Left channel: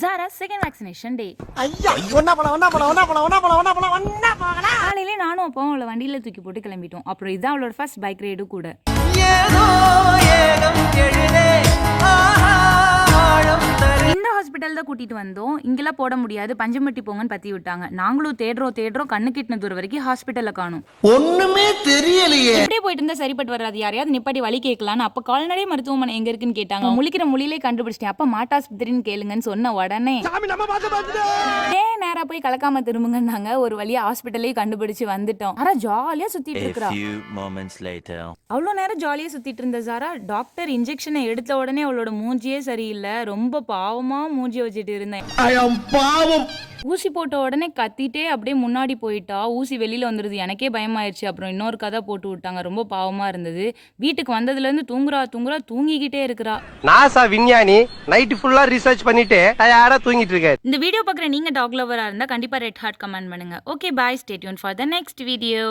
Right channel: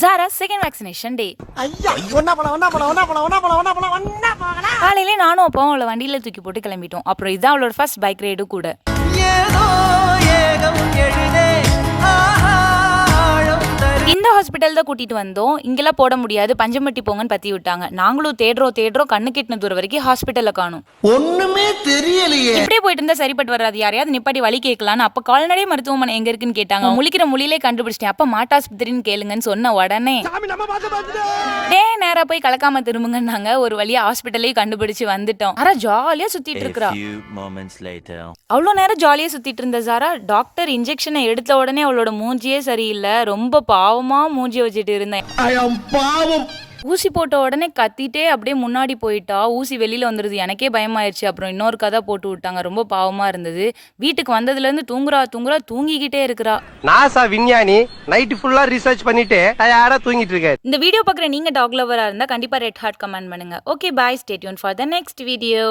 Zara second vaccination day. ஐயா ஒண்ணா போலாம் காலையிலே நானும் அப்பாவும் அவளை வண்டியில தூக்கி போட்டு கிளம்பிட்டோம். அப்புறம் இதான் அவளோட ஃபர்ஸ்ட் பைக் ரைடும் கூட. ஏதோ ஏகம் எழுதே ஆழம் தரு. இந்த ஹாஸ்பிட்டல் தான் கூட்டிட்டு வந்தோம். இங்கெல்லாம் போட முடியாது, பஞ்சமட்டி போங்கன்னு பத்தி விட்டாங்க. நாங்களும் தேடுறோம் கண்ணு கெட்டின தூரம் வரைக்கும் ஹாஸ்பிட்டல்ல காணும். ஒண்ணுமே தெரியலையே. இப்படியே போயிட்டு இருந்தா சரிப்பட்டு வராது, யாரையாவது நிப்பாட்டி வழி கேட்கலான்னு. அப்ப கால்நடை மருத்துவமனை எங்க இருக்குன்னு கேட்டாங்க. முழிக்கிற மொழியிலே கண்டுபிடிச்சிட்டேன். அப்ப மாட்டாஸ்பத்திரின்னு கேளுங்கன்னு சொன்ன உடனே நேரா போய் கலக்காம திரும்புங்கன்னாங்க. ஒரு வழியா ஹாஸ்பிட்டலே கண்டுபிடிச்சு வந்துட்டோம். ஆனா ஜாலியா சுத்திட்டு இருக்கா. அவ்வளோ நேரம் ஜாலியா சுத்திட்டு இருந்த ஜாரா டாக்டர் இன்ஜெக்ஷனை எடுத்த உடனே அவளோட மூஞ்சியே சரியில்லை. ரொம்ப பாவமா மூஞ்சி வச்சுட்டு இருந்தேன். ஊசி போட்ட உடனே கத்திட்டே அப்படியே முன்னாடி போயிட்டா. ஊசி வெளியில வந்துருது. எனக்கே பயமாயிருச்சு. அப்புறம் இன்னொரு கதை போட்டு விட்டாங்க. ரொம்ப பாவமா இருந்தது. வீட்டுக்கு வந்ததுல இருந்து தூங்குறா தூங்கிக்கிட்டே இருக்கிறா. நாசா விஞ்ஞானி நைட் ஃபுல்லா ரிசர்ச் பண்ணிட்டு யாரா தூங்கிட்டு இருக்காரு. இந்த வீடியோ பார்க்குற நீங்க டாக் லவரா இருந்தா கண்டிப்பா ரெட் ஹார்ட் கமெண்ட் பண்ணுங்க. Okay bye, stay tune for the next video.